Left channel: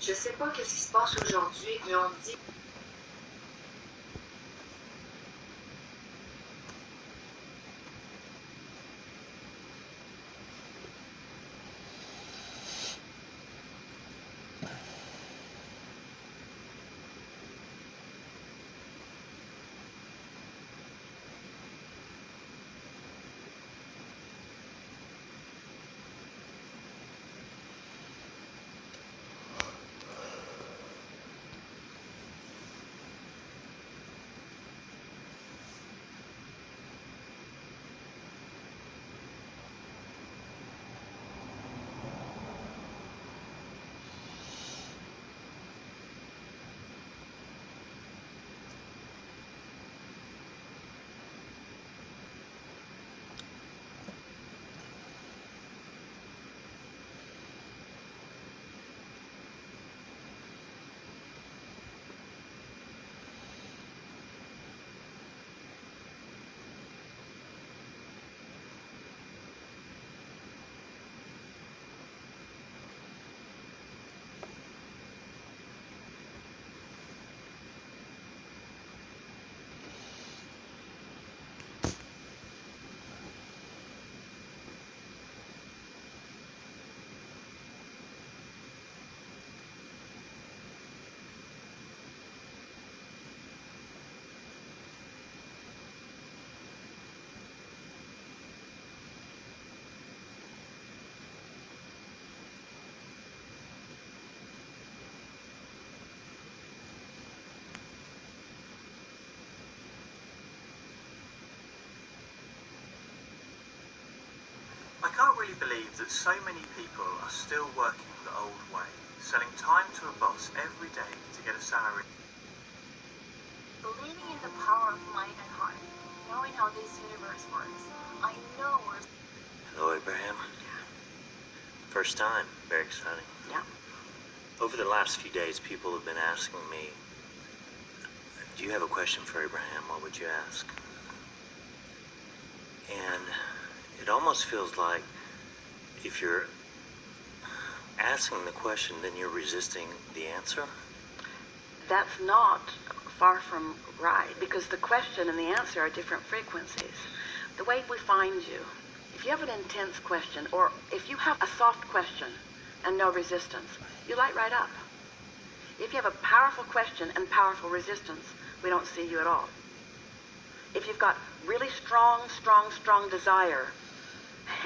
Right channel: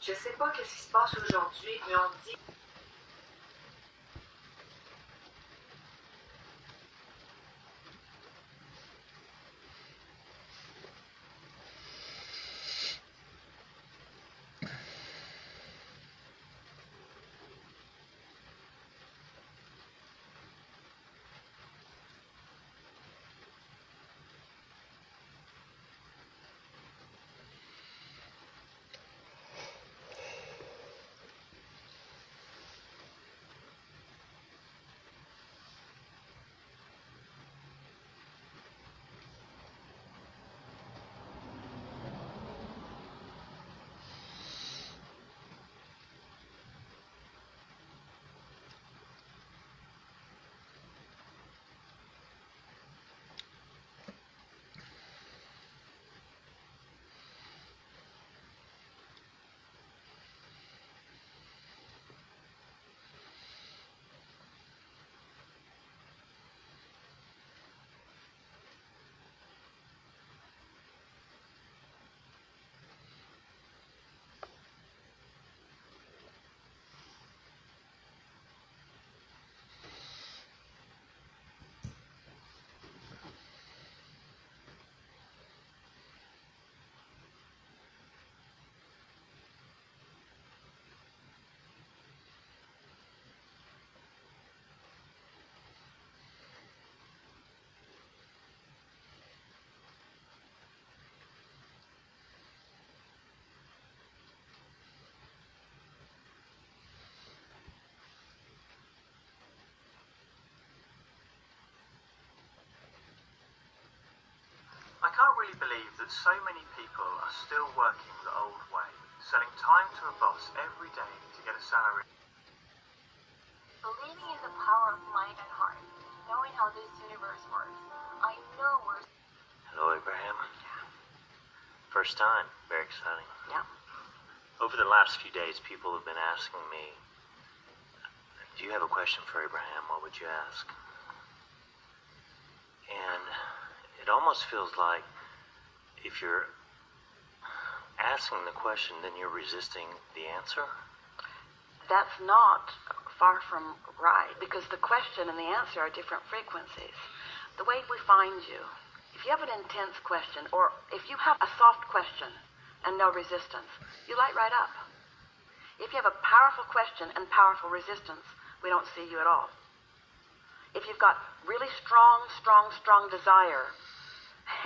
Je sais pas qu'est-ce qui se passe aujourd'hui, mais on me dit I can't really believe that so many people are still working the old way, selling time to a boss every day to get a salary. Believing in the power of mind and heart, knowing how this universe works, I know we're... Hello, Abraham. First time. Very exciting. Yeah. Over the last few days, people have been asking me, do you have a question for Abraham? What would you ask? And it almost feels like if you're asking the question, then you're resisting the answer. That's not far from right, because the question and the answer are different frequencies. The way we find you, if you have an intense question, or if you have a soft question and no resistance, you light right up. If you have a powerful question and powerful resistance, we don't see you at all. If you've got really strong desire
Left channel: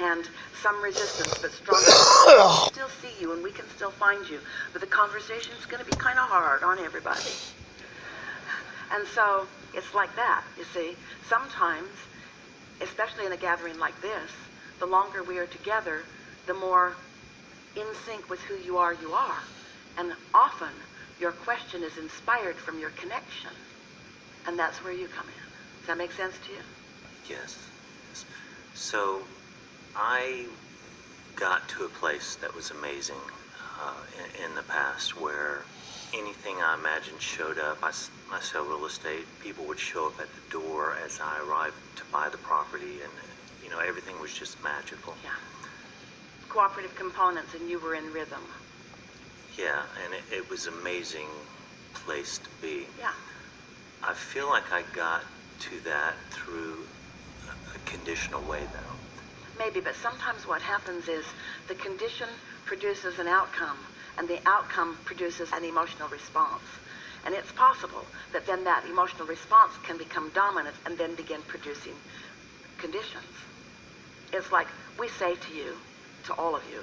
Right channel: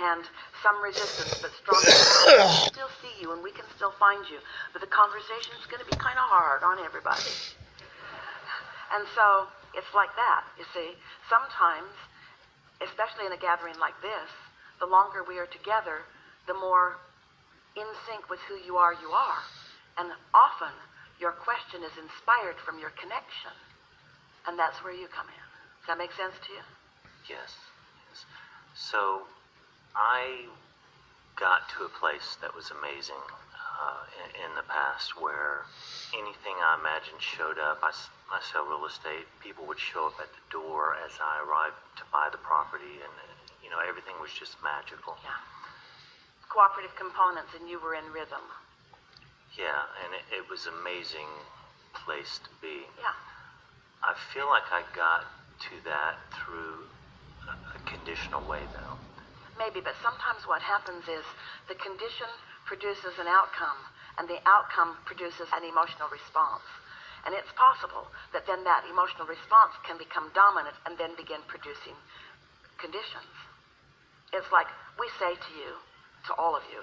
and some resistance, but strong, we can still see you and we can still find you. But the conversation's going to be kind of hard on everybody. And so it's like that, you see. Sometimes, especially in a gathering like this, the longer we are together, the more in sync with who you are. And often, your question is inspired from your connection. And that's where you come in. Does that make sense to you? Yes. So, I got to a place that was amazing in the past where anything I imagined showed up. I sell real estate. People would show up at the door as I arrived to buy the property, and everything was just magical. Yeah. Cooperative components, and you were in rhythm. Yeah, and it was an amazing place to be. Yeah. I feel like I got to that through a conditional way, though. Maybe, but sometimes what happens is the condition produces an outcome, and the outcome produces an emotional response. And it's possible that then that emotional response can become dominant and then begin producing conditions. It's like we say to you, to all of you,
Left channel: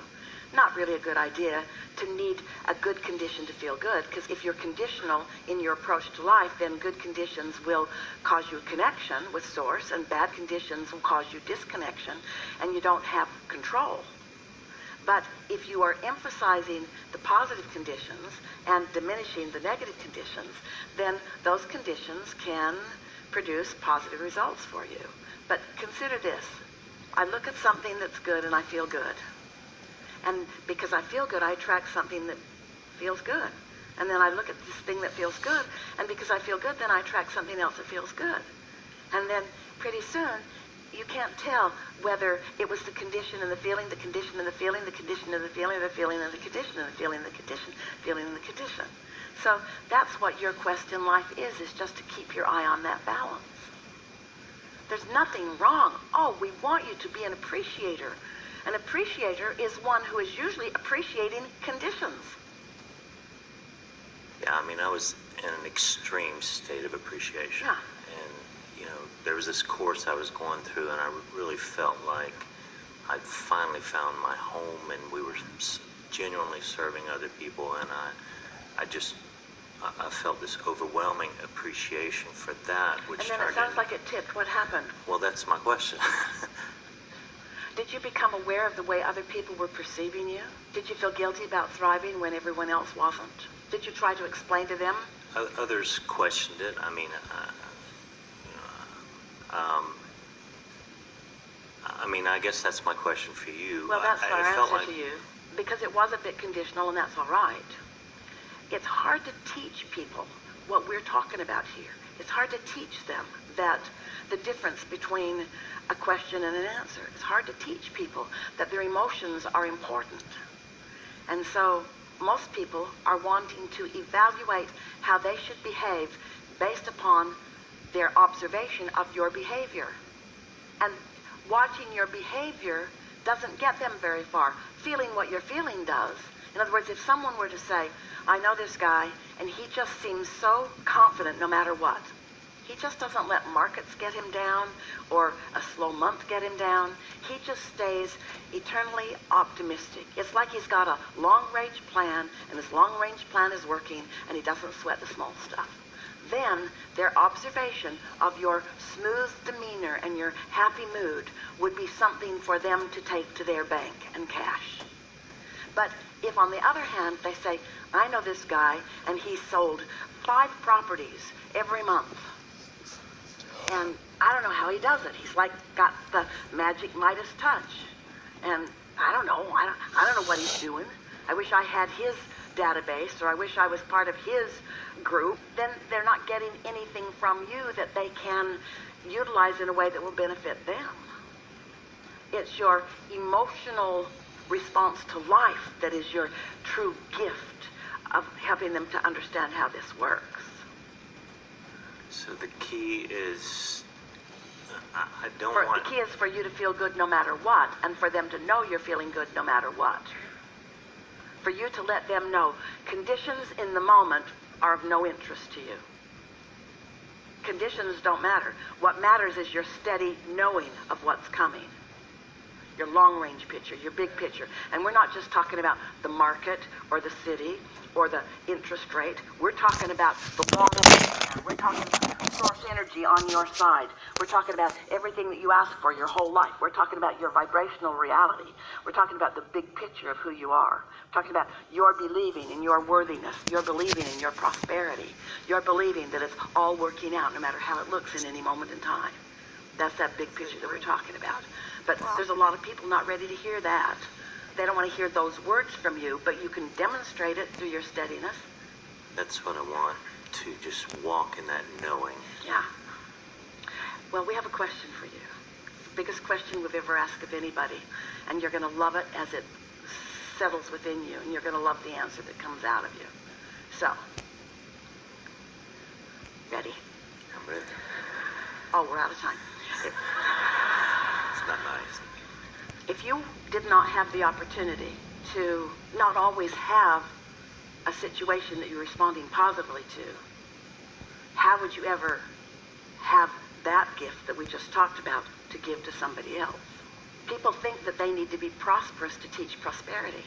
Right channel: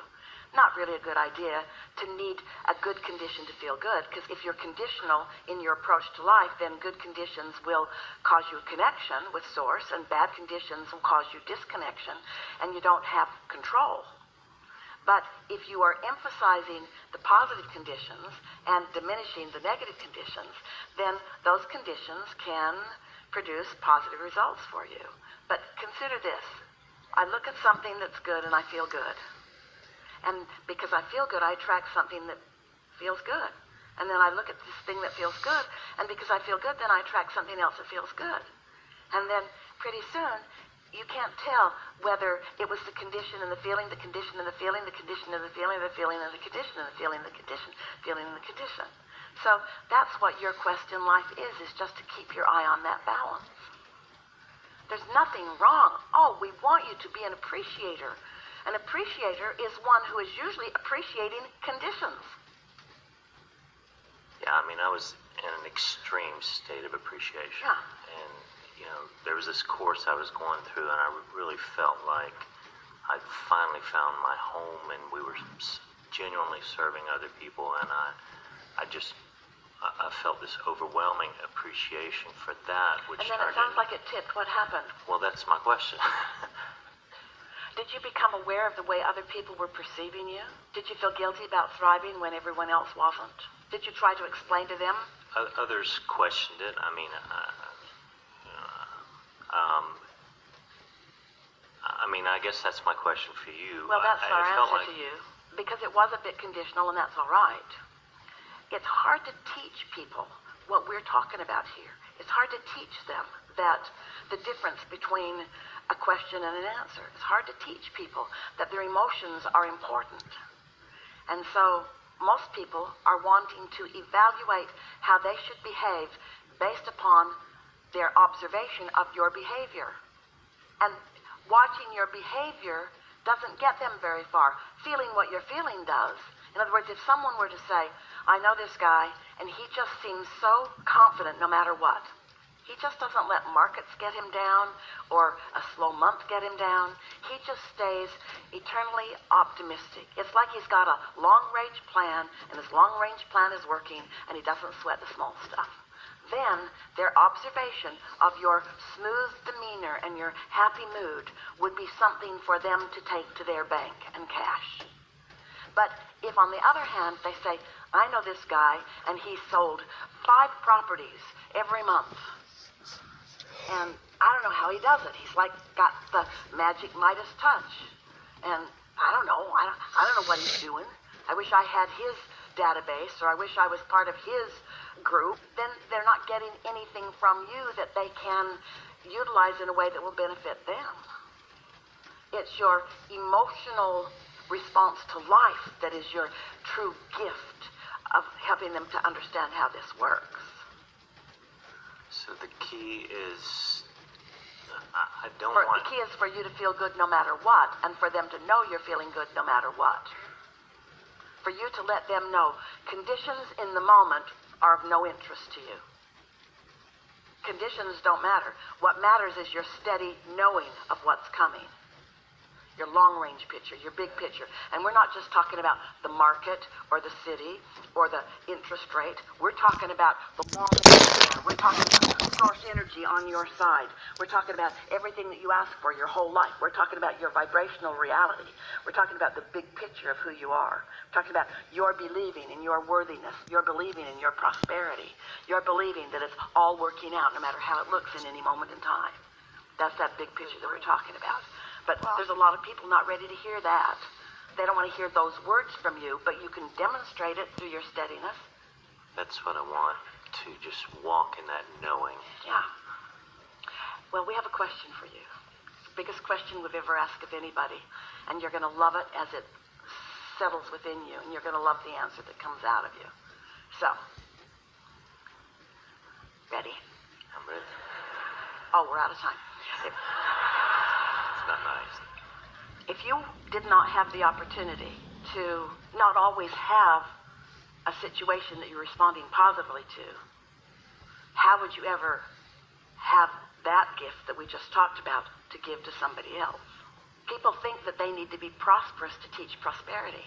not really a good idea to need a good condition to feel good, because if you're conditional in your approach to life, then good conditions will cause you connection with source, and bad conditions will cause you disconnection, and you don't have control. But if you are emphasizing the positive conditions and diminishing the negative conditions, then those conditions can produce positive results for you. But consider this. I look at something that's good and I feel good. And because I feel good, I attract something that feels good. And then I look at this thing that feels good, and because I feel good, then I attract something else that feels good. And then pretty soon, you can't tell whether it was the condition and the feeling, the condition and the feeling, the condition and the feeling, the feeling and the condition and the feeling and the condition, feeling and the condition. So that's what your quest in life is just to keep your eye on that balance. There's nothing wrong. Oh, we want you to be an appreciator. An appreciator is one who is usually appreciating conditions. Yeah, I mean, I was in an extreme state of appreciation. Yeah. And, you know, there was this course I was going through, and I really felt like I'd finally found my home, and we were genuinely serving other people, and I felt this overwhelming appreciation for that, which And then it sounds like it tipped. What happened? Well, that's my question. Did you become aware of the way other people were perceiving you? Did you feel guilty about thriving when everyone else wasn't? Did you try to explain to them? Others questioned it. I mean, I guess that's my question for you. Well, that's our answer like... to you, because it was a bit conditional, and that's all right. It's hard to teach people what we're talking about here. It's hard to teach them that the difference between a question and an answer. It's hard to teach people that their emotions are important. And so most people are wanting to evaluate how they should behave based upon their observation of your behavior. And watching your behavior doesn't get them very far. Feeling what you're feeling does. In other words, if someone were to say, I know this guy, and he just seems so confident no matter what. He just doesn't let markets get him down or a slow month get him down. He just stays eternally optimistic. It's like he's got a long-range plan, and his long-range plan is working, and he doesn't sweat the small stuff. Then their observation of your smooth demeanor and your happy mood would be something for them to take to their bank and cash. But if, on the other hand, they say, I know this guy, and he sold 5 properties every month. And I don't know how he does it. He's like got the magic Midas touch. And I don't know. I don't know what he's doing. I wish I had his database, or I wish I was part of his group. Then they're not getting anything from you that they can utilize in a way that will benefit them. It's your emotional response to life that is your true gift of helping them to understand how this works. So the key is, The key is for you to feel good no matter what, and for them to know you're feeling good no matter what. For you to let them know conditions in the moment are of no interest to you. Conditions don't matter. What matters is your steady knowing of what's coming. Your long-range picture, your big picture. And we're not just talking about the market or the city or the interest rate. We're talking about the long-range. We're talking about source energy on your side. We're talking about everything that you ask for your whole life. We're talking about your vibrational reality. We're talking about the big picture of who you are. We're talking about your believing in your worthiness. Your believing in your prosperity. Your believing that it's all working out no matter how it looks in any moment in time. That's that big picture that we're talking about. But there's a lot of people not ready to hear that. They don't want to hear those words from you, but you can demonstrate it through your steadiness. That's what I want, to just walk in that knowing. Yeah. Well, we have a question for you. Biggest question we've ever asked of anybody. And you're going to love it as it settles within you, and you're going to love the answer that comes out of you. So, ready? I'm ready. Oh, we're out of time. It's not nice. If you did not have the opportunity to not always have a situation that you're responding positively to, how would you ever have that gift that we just talked about to give to somebody else? People think that they need to be prosperous to teach prosperity.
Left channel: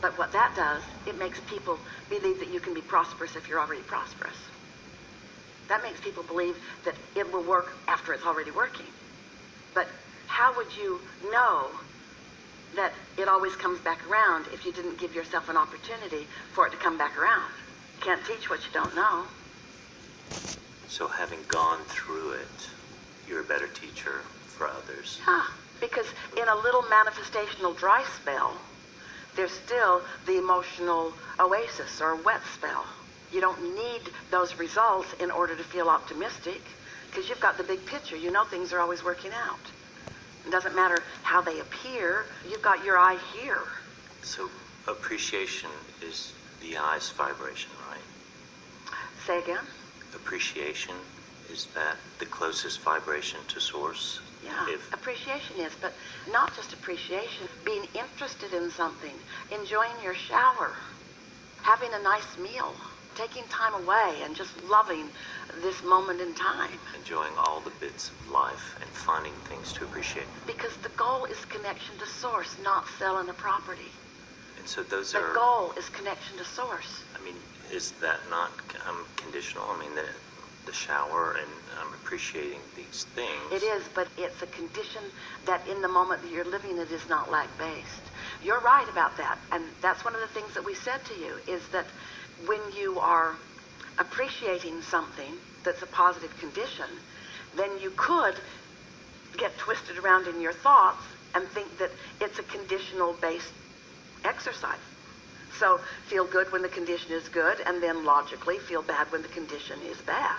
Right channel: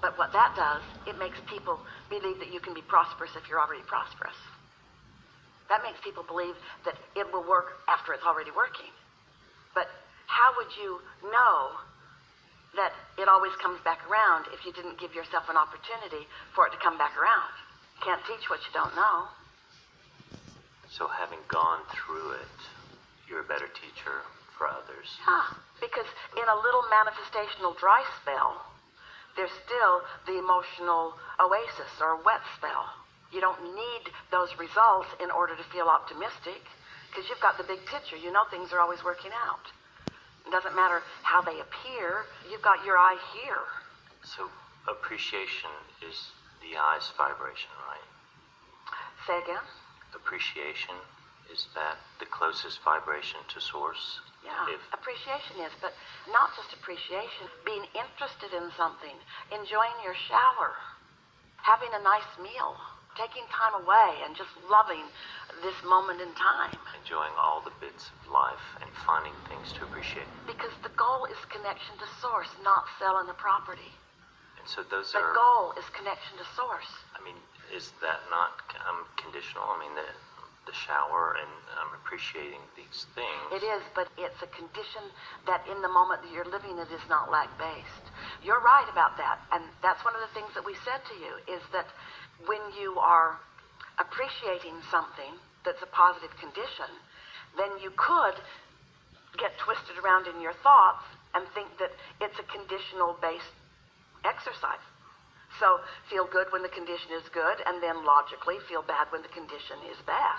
But what that does, it makes people believe that you can be prosperous if you're already prosperous. That makes people believe that it will work after it's already working. But how would you know that it always comes back around if you didn't give yourself an opportunity for it to come back around? You can't teach what you don't know. So having gone through it, you're a better teacher for others. Because in a little manifestational dry spell, there's still the emotional oasis or wet spell. You don't need those results in order to feel optimistic, because you've got the big picture. You know things are always working out. It doesn't matter how they appear. You've got your eye here. So appreciation is the eye's vibration, right? Say again? Appreciation, is that the closest vibration to source? Yeah, appreciation is, but not just appreciation. Being interested in something, enjoying your shower, having a nice meal, taking time away and just loving this moment in time. Enjoying all the bits of life and finding things to appreciate. Because the goal is connection to source, not selling a property. And so those The are... goal is connection to source. I mean, is that not conditional? I mean, the shower and appreciating these things. It is, but it's a condition that in the moment that you're living it is not lack-based. You're right about that, and that's one of the things that we said to you, is that when you are appreciating something that's a positive condition, then you could get twisted around in your thoughts and think that it's a conditional-based exercise. So feel good when the condition is good, and then logically feel bad when the condition is bad.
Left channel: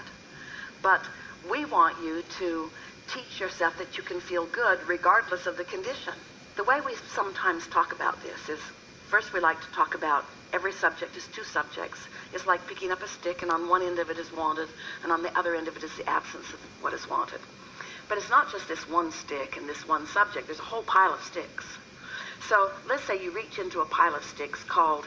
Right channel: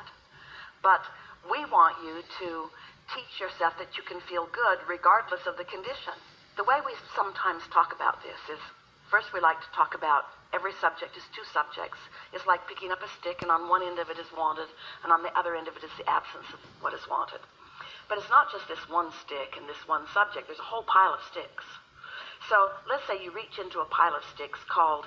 But we want you to teach yourself that you can feel good regardless of the condition. The way we sometimes talk about this is, first we like to talk about every subject is two subjects. It's like picking up a stick, and on one end of it is wanted, and on the other end of it is the absence of what is wanted. But it's not just this one stick and this one subject. There's a whole pile of sticks. So let's say you reach into a pile of sticks called